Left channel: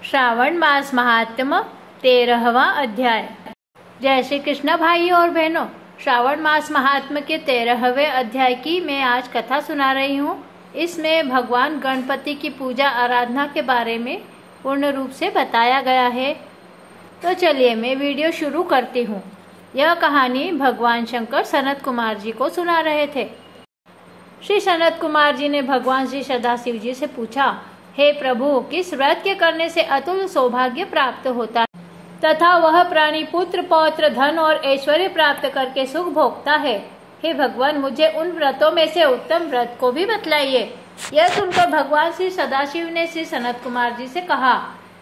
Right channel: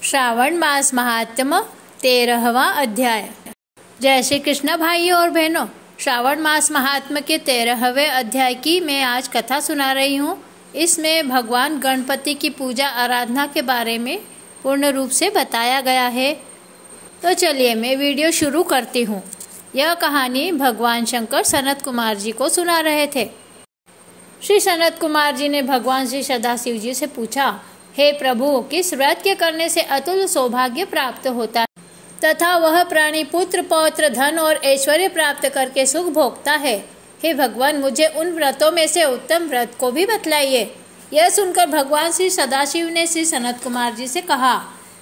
श्रावण मास महात्म्य 13वां अध्याय। जय श्री कृष्ण भाइयों और बहनों, श्रावण मास महात्म्य के 13वें अध्याय की मैं आज कथा सुना रही हूँ। इसमें भगवान गणपति की पूजा आराधना के बारे में पूर्ण रूप से बताया गया है। तो चलिए मैं वीडियो शुरू करती हूँ। यह कहानी भगवान शंकर सनत कुमार जी को सुना रहे थे। श्री सनत कुमार जी ने भगवान श्री सदाशिव जी से पूछा, हे प्रभु, किस व्रत के करने से अतुल सौभाग्य प्राप्त होता है तथा वह प्राणी पुत्र पौत्र धन और ऐश्वर्य प्राप्त करके सुख भोगता है? हे भगवान, मुझे उन व्रतों में से उत्तम व्रत को भी बतलाइए। यह सुनकर भगवान श्री सदाशिव ने श्री सनत कुमार जी से कहा,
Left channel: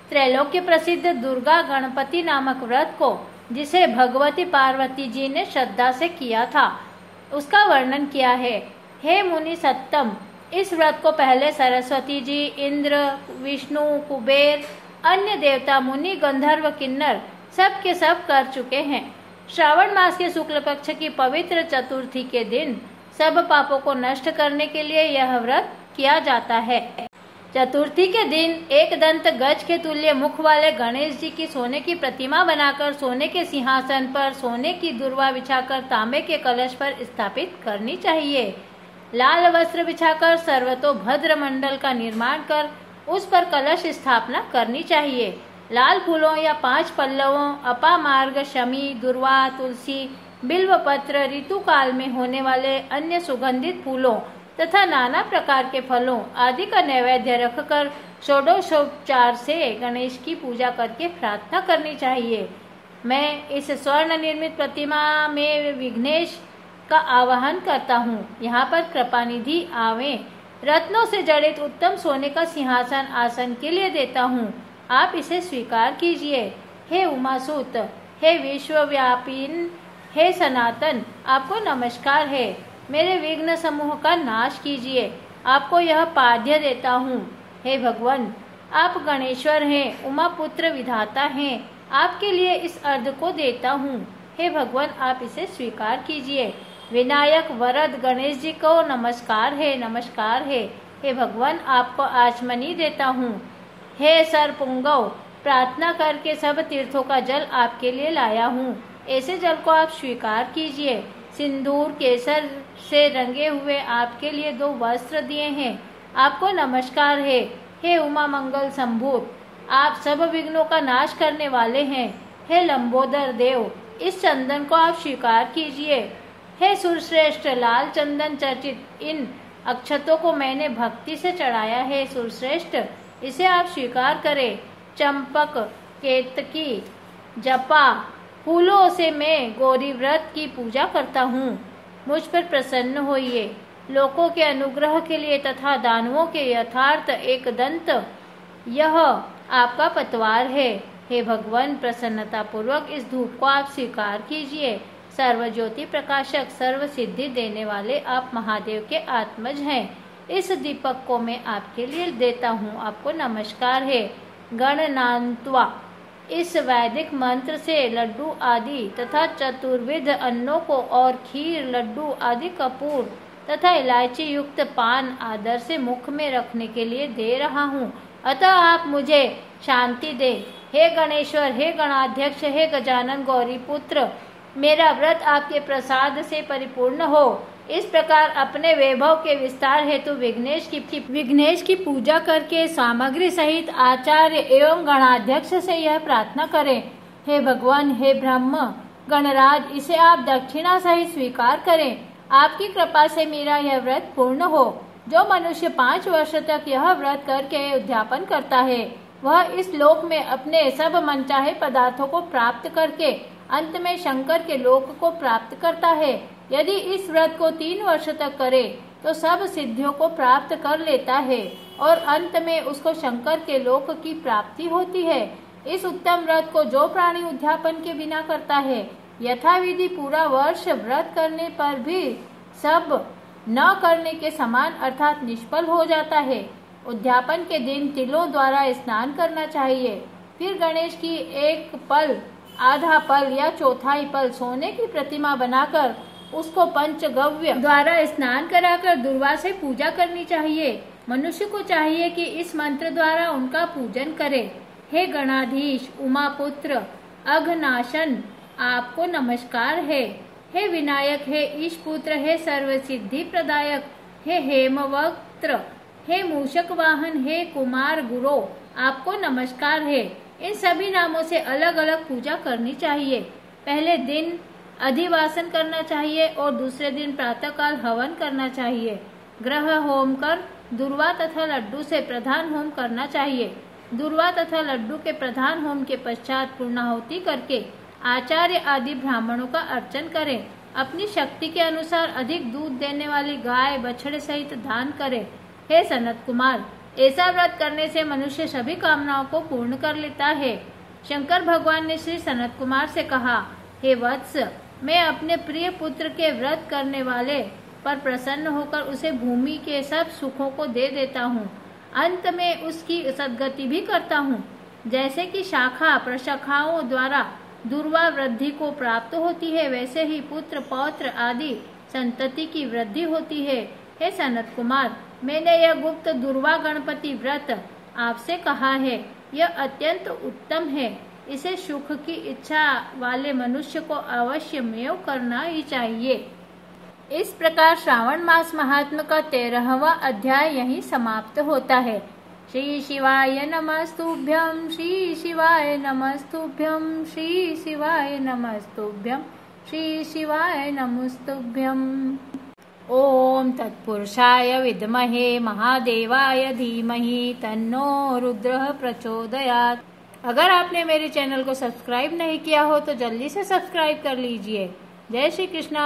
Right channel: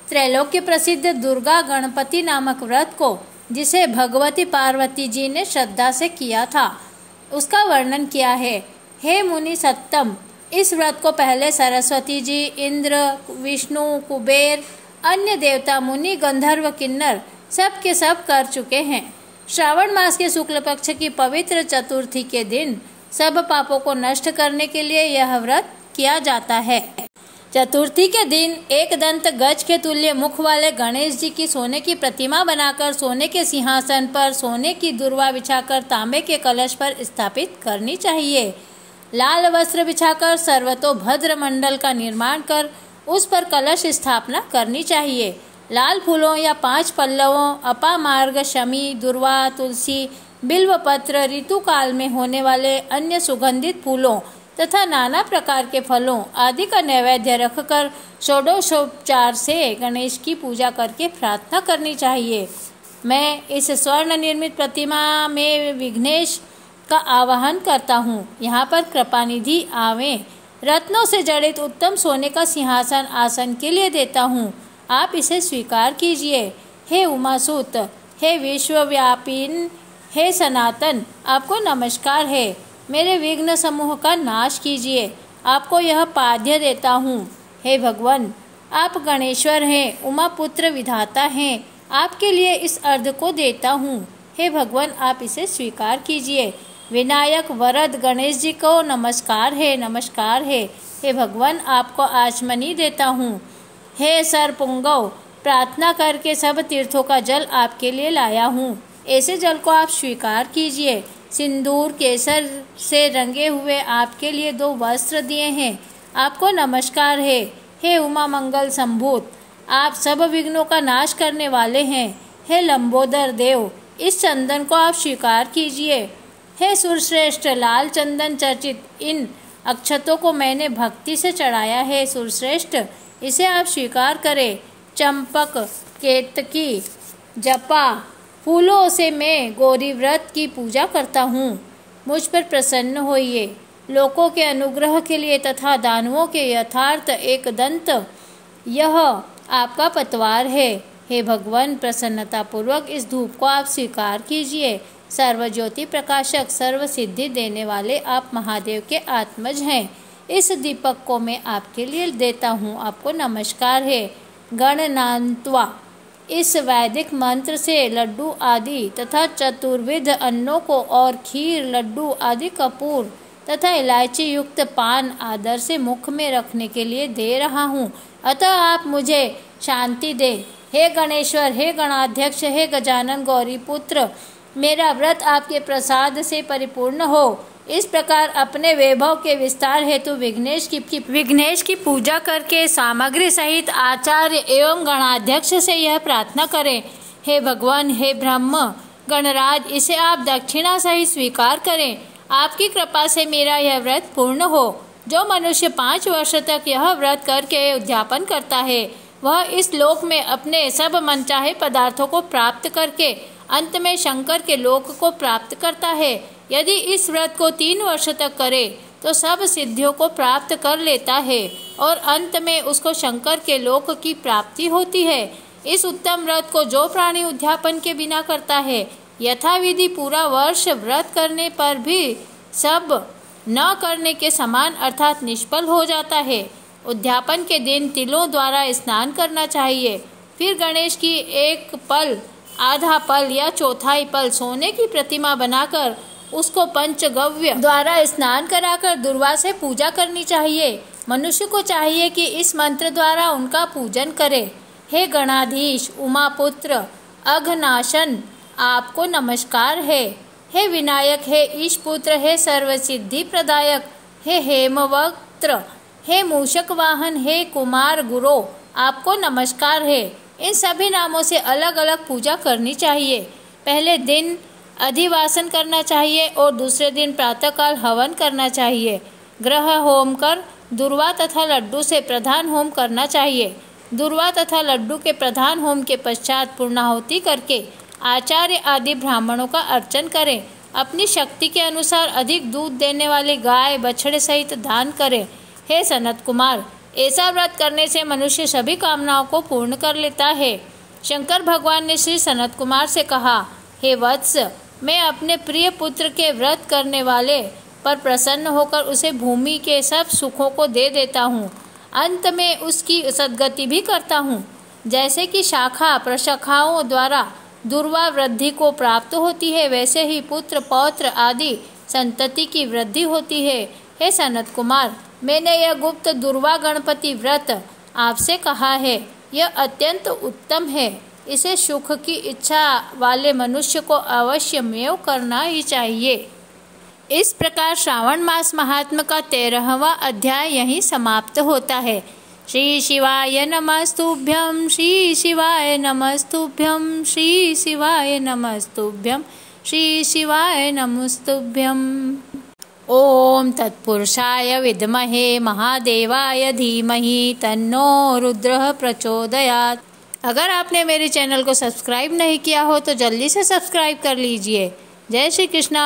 त्रैलोक्य प्रसिद्ध दुर्गा गणपति नामक व्रत को, जिसे भगवती पार्वती जी ने श्रद्धा से किया था, उसका वर्णन किया है। हे मुनि सत्तम, इस व्रत को पहले सरस्वती जी, इंद्र, विष्णु, कुबेर, अन्य देवता, मुनि, गंधर्व, किन्नर सब के सब कर चुके हैं। श्रावण मास के शुक्ल पक्ष की पवित्र चतुर्थी के दिन सब पापों को नष्ट करने के लिए यह व्रत किया जाता है। चतुर्थी के दिन एक दंत गज के तुल्य मुख वाले गणेश जी की सोने की प्रतिमा बनाकर सोने के सिंहासन पर सोने की दुर्वा बिछाकर तांबे के कलश पर स्थापित करनी चाहिए। लाल वस्त्र बिछाकर सर्वतोभद्र मंडल का निर्माण कर उस पर कलश स्थापना करनी चाहिए। लाल फूलों या 5 पल्लवों, अपामार्ग, शमी, दुर्वा, तुलसी, बिल्वपत्र, ऋतुकाल में होने वाले अन्य सुगंधित फूलों तथा नाना प्रकार के फलों आदि का नैवेद्य रखकर षोडशोपचार से गणेश की पूजा करके प्रार्थना करनी चाहिए। मैं इस स्वर्ण निर्मित प्रतिमा में विघ्नेश का आवाहन करता हूँ। यहाँ पर कृपानिधि आवे रत्नों से जड़ित उत्तम सोने का सिंहासन आसन के लिए देता हूँ। आप इसे स्वीकार कीजिए। हे उमासुत, हे विश्वव्यापीन, हे सनातन, आपको नमस्कार है। मेरे विघ्न समूह का नाश कीजिए। आपको यह पाद्य देता हूँ। हे भगवान, आप गणेश्वर हैं, उमापुत्र विधाता हैं। आपके लिए इस अर्घ को देता हूँ। हे भगवान, आप इसे स्वीकार कीजिए। विनायक वरद गणेश जी को नमस्कार है, नमस्कार है। हे भगवान, आपको आचमनी देता हूँ। हे सरपुंगव, प्रार्थना करके सब तीर्थों का जल आपके लिए लाया हूँ। ऐसे जल को आप स्वीकार कीजिए। सिंदूर केसर से रंगे हुए आपके लिए 2 वस्त्र दिए हैं। आपको नमस्कार है। हे उमा मंगल संभूत, आप सब विघ्नों का नाश करने वाले हैं। हे लंबोदर देव, इस चंदन को आप स्वीकार कीजिए। हे सुरश्रेष्ठ, लाल चंदन चर्चित इन अक्षतों को मैंने भक्ति से चढ़ाया है। सुरश्रेष्ठ, इसे आप स्वीकार करें। चंपक, केतकी, जपा फूलों से मैं गौरी व्रत की पूजा करता हूँ। मुझ पर प्रसन्न होइए। लोकों के अनुग्रह के लिए तथा दानवों के यथार्थ एक दंत यह आपका पतवार है। हे भगवान, प्रसन्नता पूर्वक इस धूप को आप स्वीकार कीजिए। सर्वज्योति प्रकाशक, सर्व सिद्धि देने वाले आप महादेव के आत्मज हैं। इस दीपक को मैं आपके लिए देता हूँ। आपको नमस्कार है। गणनान्त्वा, इस वैदिक मंत्र से लड्डू आदि तथा चतुर्विध अन्नों को और खीर, लड्डू आदि कपूर तथा इलायची युक्त पान आदर से मुख में रखने के लिए दे रहा हूँ। अतः आप मुझे शांति दे। हे गणेश्वर, हे गणाध्यक्ष, हे गजानन गौरी पुत्र, मेरा व्रत आपके प्रसाद से परिपूर्ण हो। इस प्रकार अपने वैभव के विस्तार हेतु विघ्नेश की पूजा करके सामग्री सहित आचार्य एवं गणाध्यक्ष से यह प्रार्थना करें, हे भगवान, हे ब्रह्म गणराज, इसे आप दक्षिणा सहित स्वीकार करें। आपकी कृपा से मेरा यह व्रत पूर्ण हो। जो मनुष्य 5 वर्ष तक यह व्रत करके उद्यापन करता है, वह इस लोक में अपने सब मनचाहे पदार्थों को प्राप्त करके अंत में शंकर के लोक को प्राप्त करता है। यदि इस व्रत को 3 वर्ष तक करे तो सब सिद्धियों को प्राप्त कर लेता है और अंत में उसको शंकर के लोक की प्राप्ति होती है। इस उत्तम व्रत को जो प्राणी उद्यापन के बिना करता है, यथाविधि पूरा वर्ष व्रत करने पर भी सब न करने के समान अर्थात निष्फल हो जाता है। उद्यापन के दिन तिलों द्वारा स्नान करना चाहिए। फिर गणेश की एक पल, आधा पल या चौथाई पल सोने की प्रतिमा बनाकर उसको पंचगव्य द्वारा स्नान कराकर दुर्वा से पूजा करनी चाहिए। मनुष्य को चाहिए कि इस मंत्र द्वारा उनका पूजन करे। हे गणाधीश उमापुत्र अघनाशन, आपको नमस्कार है। हे विनायक, हे ईशपुत्र, हे सर्वसिद्धि प्रदायक, हे हेमवक्त्र, हे मूषक वाहन, हे कुमार गुरो, आपको नमस्कार है। इन सभी नामों से अलग अलग पूजा करनी चाहिए। पहले दिन अधिवासन करना चाहिए और दूसरे दिन प्रातःकाल हवन करना चाहिए। ग्रह होम कर दुर्वा तथा लड्डू से प्रधान होम करना चाहिए। दुर्वा तथा लड्डू के प्रधान होम के पश्चात पूर्णाहुति करके आचार्य आदि ब्राह्मणों का अर्चन करें। अपनी शक्ति के अनुसार अधिक दूध देने वाले गाय बछड़े सहित दान करें। हे सनत कुमार, ऐसा व्रत करने से मनुष्य सभी कामनाओं को पूर्ण कर लेता है। शंकर भगवान ने श्री सनत कुमार से कहा, हे वत्स, मैं अपने प्रिय पुत्र के व्रत करने वाले पर प्रसन्न होकर उसे भूमि के सब सुखों को दे देता हूँ। अंत में उसकी सद्गति भी करता हूँ। जैसे कि शाखा प्रशाखाओं द्वारा दुर्वा वृद्धि को प्राप्त होती है, वैसे ही पुत्र पौत्र आदि संतति की वृद्धि होती है। हे सनत कुमार, मैंने यह गुप्त दुर्वा गणपति व्रत आपसे कहा है। यह अत्यंत उत्तम है। इसे सुख की इच्छा वाले मनुष्य को अवश्य मेव करना ही चाहिए। इस प्रकार श्रावण मास महात्म का 13वां अध्याय यहीं समाप्त होता है। श्री शिवाय नमस्तुभ्यं, श्री शिवाय नमस्तुभ्यं, श्री शिवाय नमस्तुभ्यं, श्री शिवाय नमस्तुभ्यं। ओम तत्पुरुषाय विद्महे महादेवाय धीमहि तन्नो रुद्रः प्रचोदयात्। अगर आपने मेरे चैनल को सब्सक्राइब नहीं किया हो तो जल्दी से सब्सक्राइब कर लीजिए। जय श्री कृष्णा।